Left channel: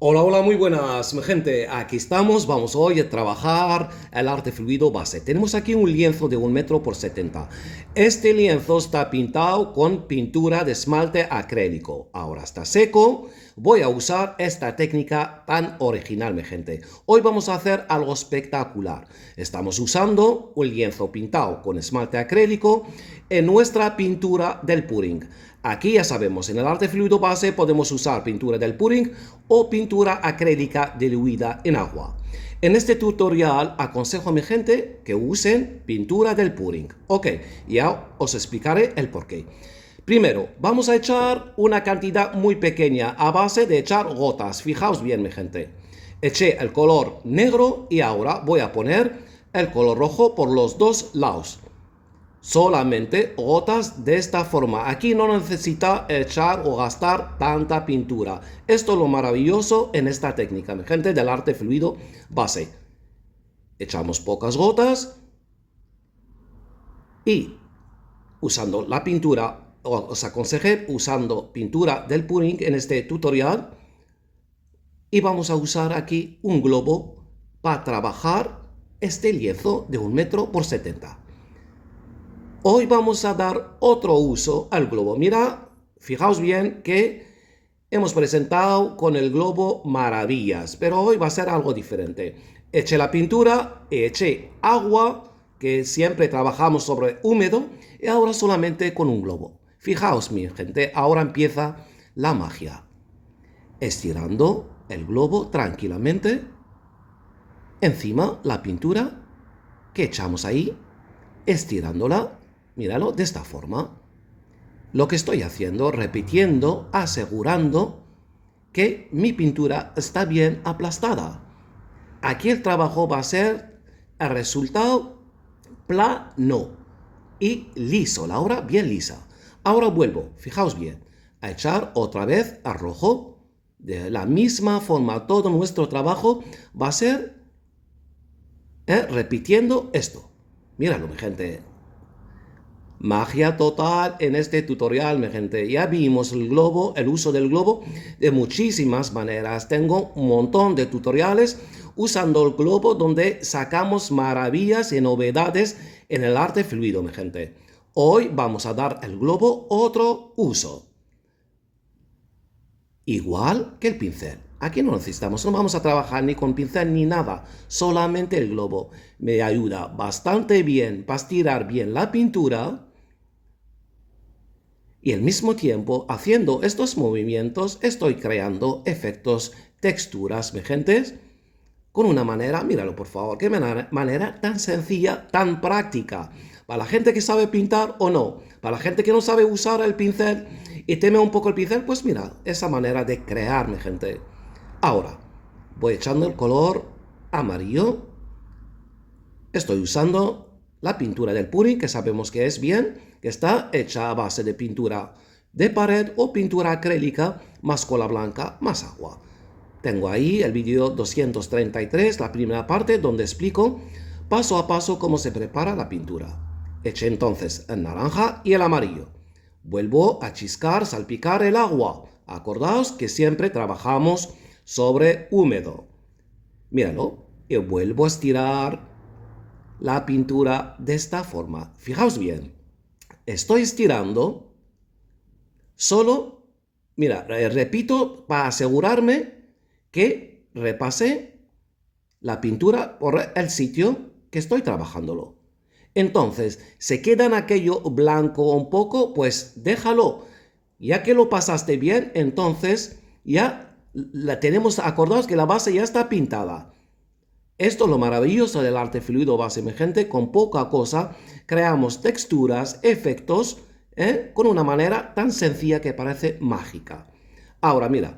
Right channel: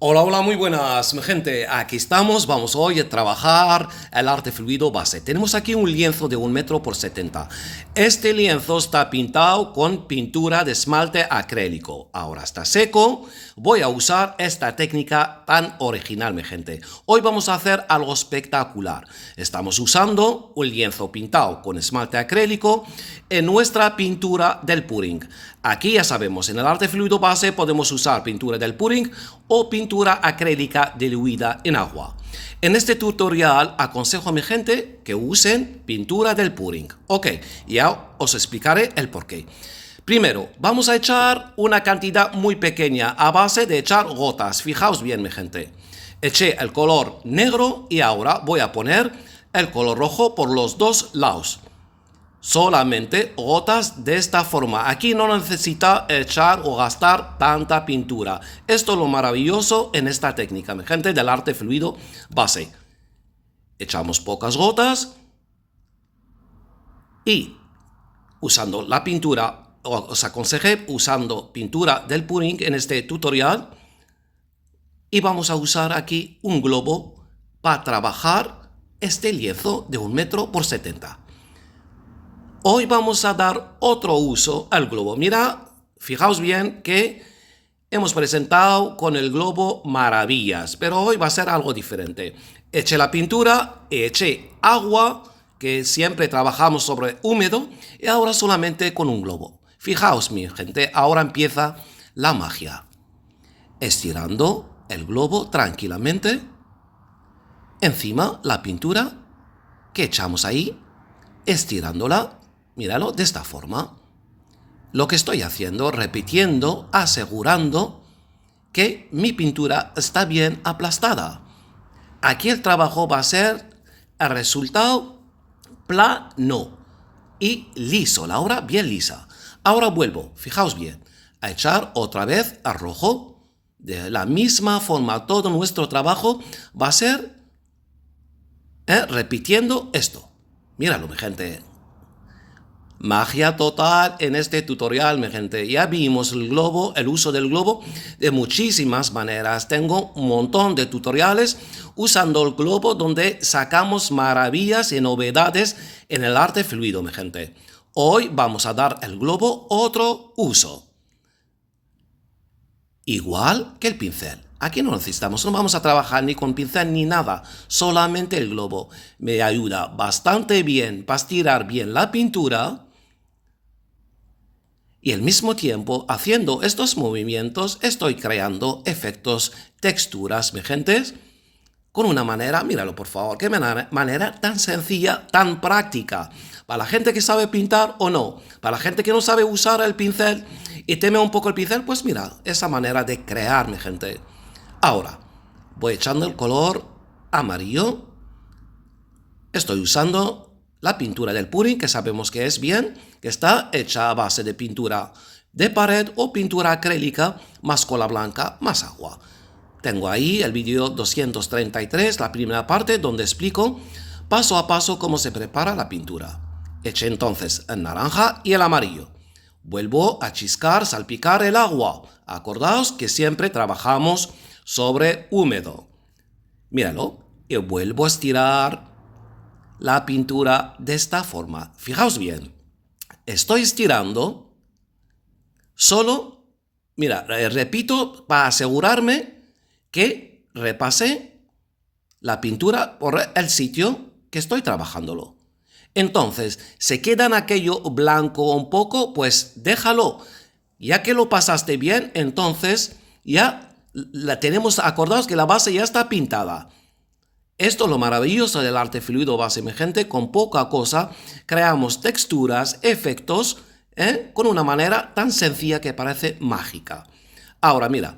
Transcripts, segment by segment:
Hola, hola, muy buenas, mi gente. Aquí estamos, vamos hoy a trabajar el arte fluido base. Tenemos aquí un lienzo de 1 m por 70. Este lienzo está pintado con pintura de esmalte acrílico. Ahora está seco. Voy a usar esta técnica tan original, mi gente. Hoy vamos a hacer algo espectacular. Estamos usando un lienzo pintado con esmalte acrílico en nuestra pintura del pudding. Aquí ya sabemos, en el arte fluido base podemos usar pintura del pudding o pintura acrílica diluida en agua. En este tutorial aconsejo a mi gente que usen pintura del pudding. Ok, ya os explicaré el porqué. Primero, vamos a echar una cantidad muy pequeña a base de echar gotas. Fijaos bien, mi gente. Eché el color negro y ahora voy a poner el color rojo por los dos lados. Solamente gotas de esta forma. Aquí no necesita echar o gastar tanta pintura. Esto es lo maravilloso en esta técnica, mi gente, del arte fluido base. Echamos pocas gotas y usando la pintura, os aconsejé usando pintura del pudding en este tutorial. Y vamos a usar aquí un globo para trabajar este lienzo de 1 m por 70. Hoy vamos a dar otro uso al globo. Mira, fijaos bien que hemos presentado con el globo maravillas, pero hoy va a ser algo diferente. Eché la pintura, eché agua, que siempre trabajamos sobre húmedo, y ahora solamente con un globo. Fijaos, mi gente, ahora empieza la magia. Estirando el globo tranquilamente, encima la pintura que echamos ahí, estirándola. Míralo de esta forma. Lo que estoy haciendo, repitiendo, asegurando que mi pintura está bien aplastada. Aquí el trabajo va a ser el resultado plano y liso, la obra bien lisa. Ahora vuelvo, fijaos bien, a echar otra vez a rojo. De la misma forma, todo nuestro trabajo va a ser repitiendo esto. Míralo, mi gente. Magia total en este tutorial, mi gente. Ya vimos el globo, el uso del globo de muchísimas maneras. Tengo un montón de tutoriales usando el globo donde sacamos maravillas y novedades en el arte fluido, mi gente. Hoy vamos a dar al globo otro uso. Igual que el pincel. Aquí no necesitamos, no vamos a trabajar ni con pincel ni nada. Solamente el globo me ayuda bastante bien para estirar bien la pintura. Y al mismo tiempo, haciendo estos movimientos, estoy creando efectos, texturas, mi gente, con una manera, míralo por favor, qué manera tan sencilla, tan práctica. Para la gente que sabe pintar o no, para la gente que no sabe usar el pincel y teme un poco el pincel, pues mira, esa manera de crear, mi gente. Ahora, voy echando el color amarillo. Estoy usando la pintura del pudding, que sabemos que es bien, que está hecha a base de pintura de pared o pintura acrílica, más cola blanca, más agua. Tengo ahí el vídeo 233, la primera parte, donde explico paso a paso cómo se prepara la pintura. Eché entonces el naranja y el amarillo. Vuelvo a chiscar, salpicar el agua. Acordaos que siempre trabajamos sobre húmedo. Míralo, y vuelvo a estirar la pintura de esta forma. Fijaos bien, estoy estirando solo, mira, repito para asegurarme que repase la pintura por el sitio que estoy trabajándolo. Entonces, se queda en aquello blanco un poco, pues déjalo. Ya que lo pasaste bien, entonces ya la tenemos, acordaos que la base ya está pintada. Esto es lo maravilloso del arte fluido base, mi gente. Con poca cosa creamos texturas, efectos, con una manera tan sencilla que parece mágica. Ahora mira,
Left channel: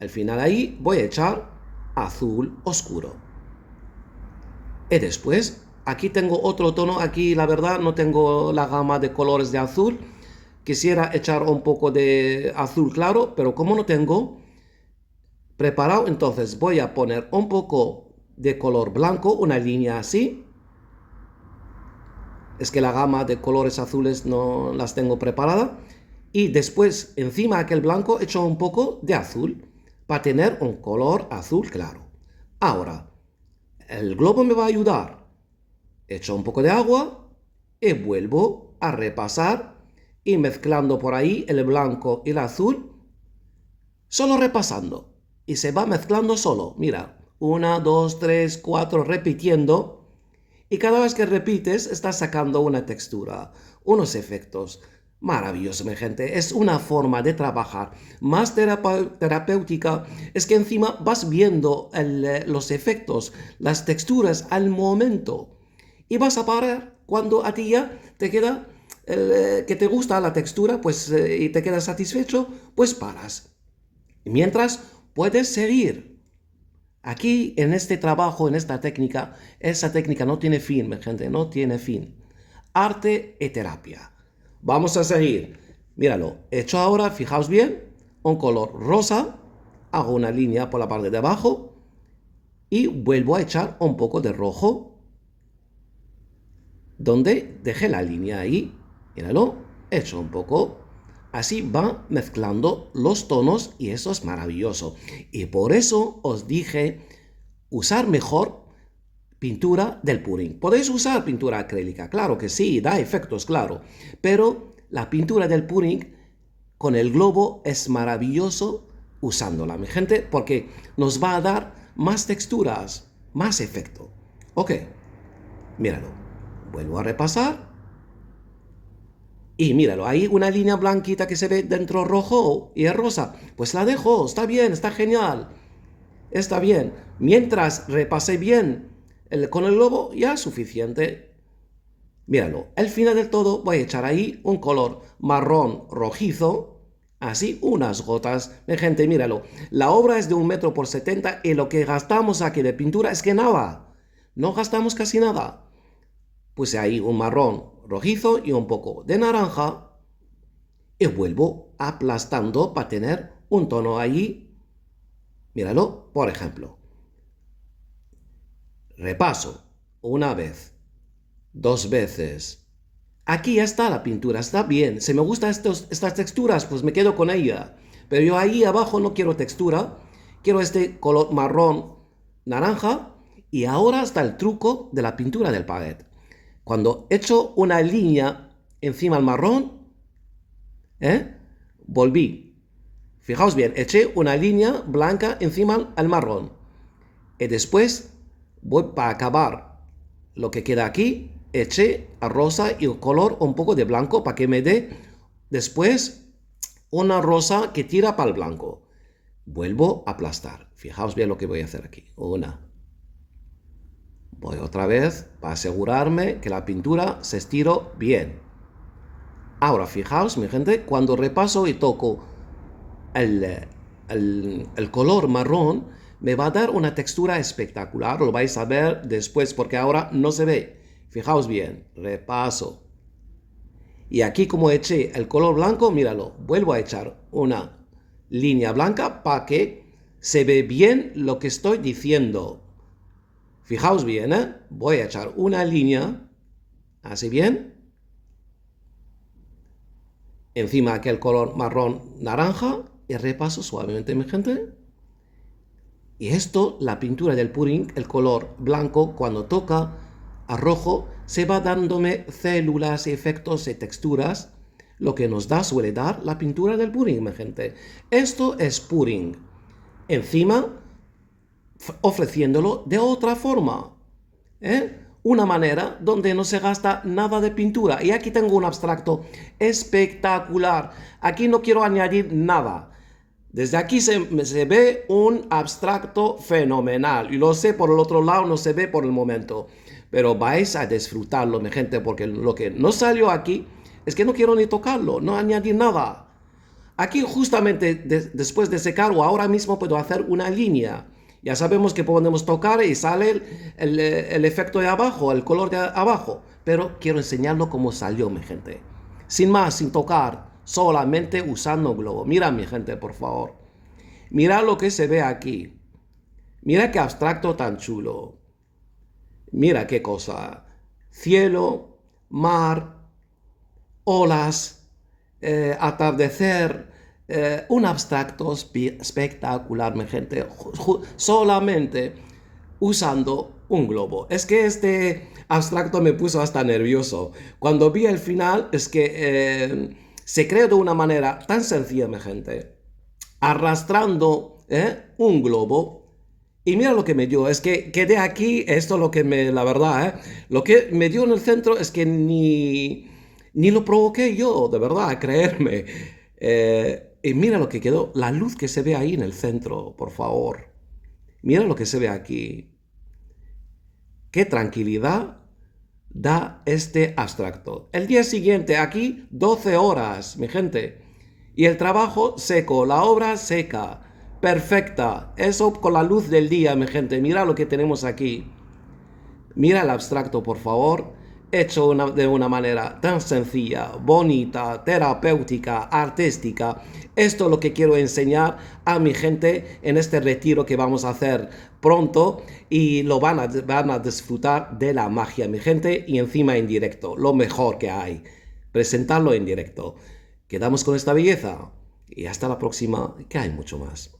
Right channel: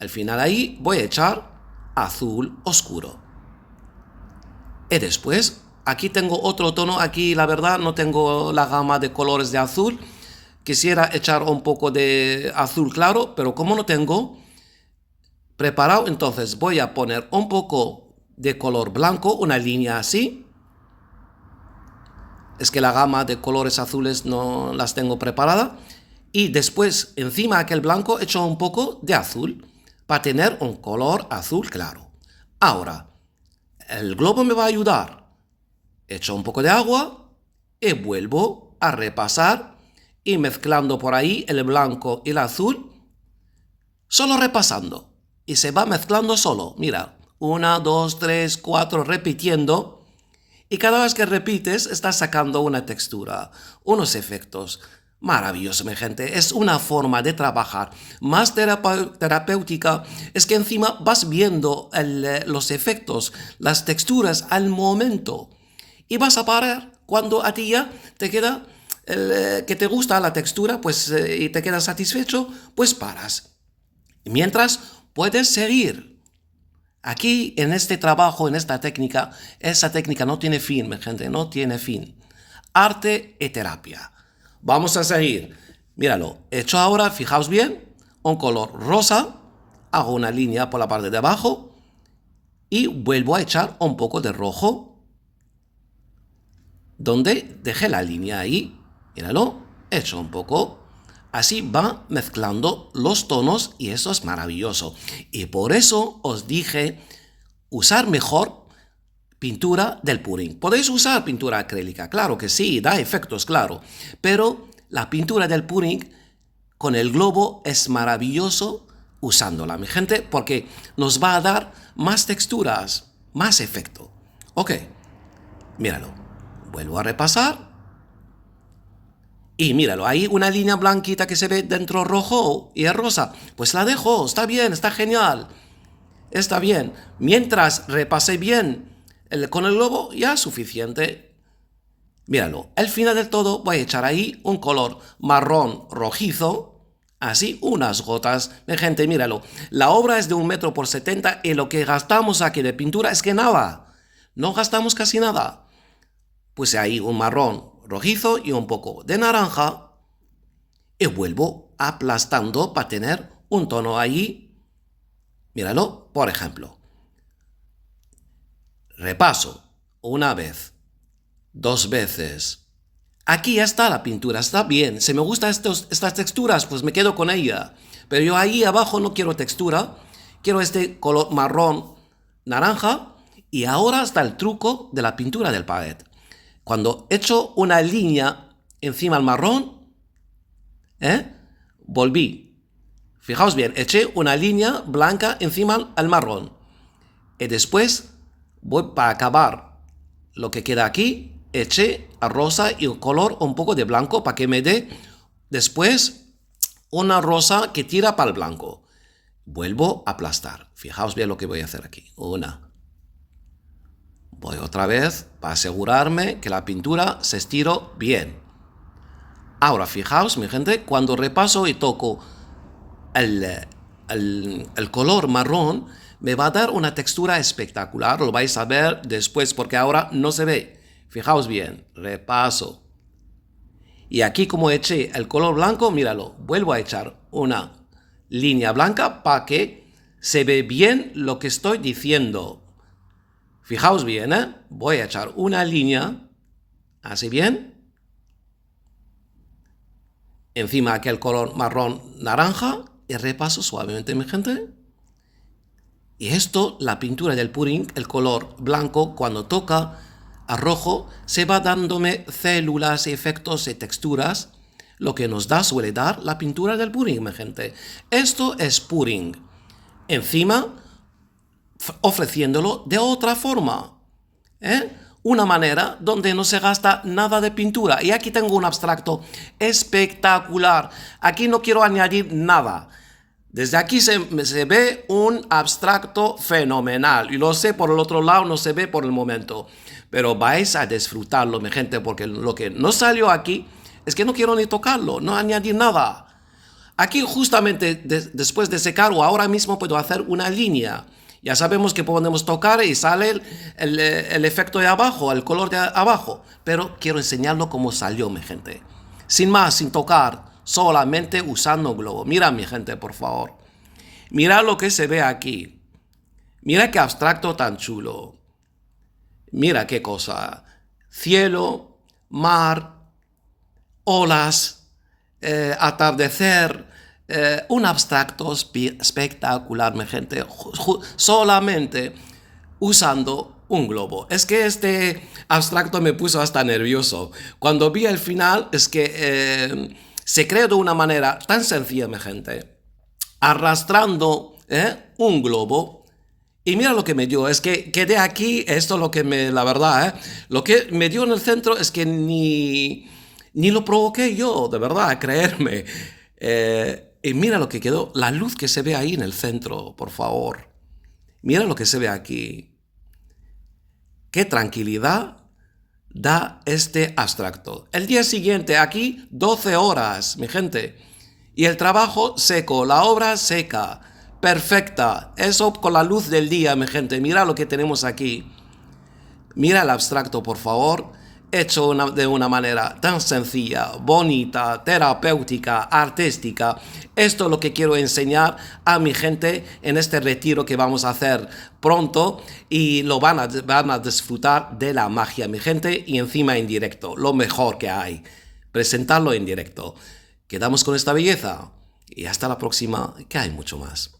al final ahí voy a echar azul oscuro. Y después, aquí tengo otro tono. Aquí la verdad no tengo la gama de colores de azul. Quisiera echar un poco de azul claro, pero como no tengo preparado, entonces voy a poner un poco de color blanco, una línea así. Es que la gama de colores azules no las tengo preparada. Y después, encima de aquel blanco, echo un poco de azul para tener un color azul claro. Ahora, el globo me va a ayudar. Echo un poco de agua y vuelvo a repasar y mezclando por ahí el blanco y el azul, solo repasando. Y se va mezclando solo. Mira, 1, 2, 3, 4, repitiendo. Y cada vez que repites, estás sacando una textura, unos efectos. Maravilloso, mi gente. Es una forma de trabajar más terapéutica. Es que encima vas viendo los efectos, las texturas al momento. Y vas a parar cuando a ti ya te queda que te gusta la textura, pues y te quedas satisfecho, pues paras. Mientras puedes seguir. Aquí en este trabajo, en esta técnica, esa técnica no tiene fin, mi gente, no tiene fin. Arte y terapia. Vamos a seguir. Míralo, he hecho ahora, fijaos bien, un color rosa, hago una línea por la parte de abajo y vuelvo a echar un poco de rojo, donde dejé la línea ahí. Míralo, he hecho un poco. Así va mezclando los tonos y eso es maravilloso. Y por eso os dije usar mejor pintura del purín. Podéis usar pintura acrílica, claro que sí, da efectos, claro. Pero la pintura del purín con el globo es maravilloso usándola, mi gente, porque nos va a dar más texturas, más efecto. Ok, míralo. Vuelvo a repasar. Y míralo, hay una línea blanquita que se ve dentro rojo y es rosa. Pues la dejo, está bien, está genial. Está bien. Mientras repase bien con el globo, ya es suficiente. Míralo, al final del todo voy a echar ahí un color marrón rojizo. Así, unas gotas. De gente, míralo. La obra es de 1 metro por 70 y lo que gastamos aquí de pintura es que nada. No gastamos casi nada. Puse ahí un marrón rojizo y un poco de naranja y vuelvo aplastando para tener un tono ahí. Míralo, por ejemplo. Repaso. Una vez. 2 veces. Aquí ya está la pintura, está bien. Si me gustan estas texturas, pues me quedo con ella. Pero yo ahí abajo no quiero textura. Quiero este color marrón naranja. Y ahora está el truco de la pintura del palet. Cuando echo una línea encima del marrón, volví. Fijaos bien, eché una línea blanca encima del marrón. Y después, voy para acabar lo que queda aquí, eché a rosa y un color un poco de blanco para que me dé después una rosa que tira para el blanco. Vuelvo a aplastar. Fijaos bien lo que voy a hacer aquí. Voy otra vez para asegurarme que la pintura se estiró bien. Ahora, fijaos, mi gente, cuando repaso y toco el color marrón, me va a dar una textura espectacular. Lo vais a ver después porque ahora no se ve. Fijaos bien, repaso. Y aquí como eché el color blanco, míralo, vuelvo a echar una línea blanca para que se ve bien lo que estoy diciendo. Fijaos bien, voy a echar una línea, así bien, encima aquel color marrón naranja y repaso suavemente, mi gente. Y esto, la pintura del pudding, el color blanco, cuando toca a rojo, se va dándome células, efectos y texturas, lo que nos da, suele dar la pintura del pudding, mi gente. Esto es pudding. Encima, ofreciéndolo de otra forma. Una manera donde no se gasta nada de pintura. Y aquí tengo un abstracto espectacular. Aquí no quiero añadir nada. Desde aquí se ve un abstracto fenomenal. Y lo sé, por el otro lado no se ve por el momento. Pero vais a disfrutarlo, mi gente, porque lo que no salió aquí es que no quiero ni tocarlo, no añadir nada. Aquí justamente después de secar o ahora mismo puedo hacer una línea. Ya sabemos que podemos tocar y sale el efecto de abajo, el color de abajo. Pero quiero enseñarlo como salió, mi gente. Sin más, sin tocar, solamente usando globo. Mira, mi gente, por favor. Mira lo que se ve aquí. Mira qué abstracto tan chulo. Mira qué cosa. Cielo, mar, olas, atardecer, un abstracto espectacular, mi gente, solamente usando un globo. Es que este abstracto me puso hasta nervioso. Cuando vi el final, es que se creó de una manera tan sencilla, mi gente, arrastrando un globo. Y mira lo que me dio, es que quedé aquí, esto es lo que me, la verdad, lo que me dio en el centro es que ni lo provoqué yo, de verdad, creerme. Y mira lo que quedó, la luz que se ve ahí en el centro, por favor. Mira lo que se ve aquí. Qué tranquilidad da este abstracto. El día siguiente, aquí, 12 horas, mi gente. Y el trabajo seco, la obra seca, perfecta. Eso con la luz del día, mi gente. Mira lo que tenemos aquí. Mira el abstracto, por favor, hecho de una manera tan sencilla, bonita, terapéutica, artística. Esto es lo que quiero enseñar a mi gente en este retiro que vamos a hacer pronto y lo van a disfrutar de la magia, mi gente, y encima en directo, lo mejor que hay, presentarlo en directo. Quedamos con esta belleza y hasta la próxima, que hay mucho más.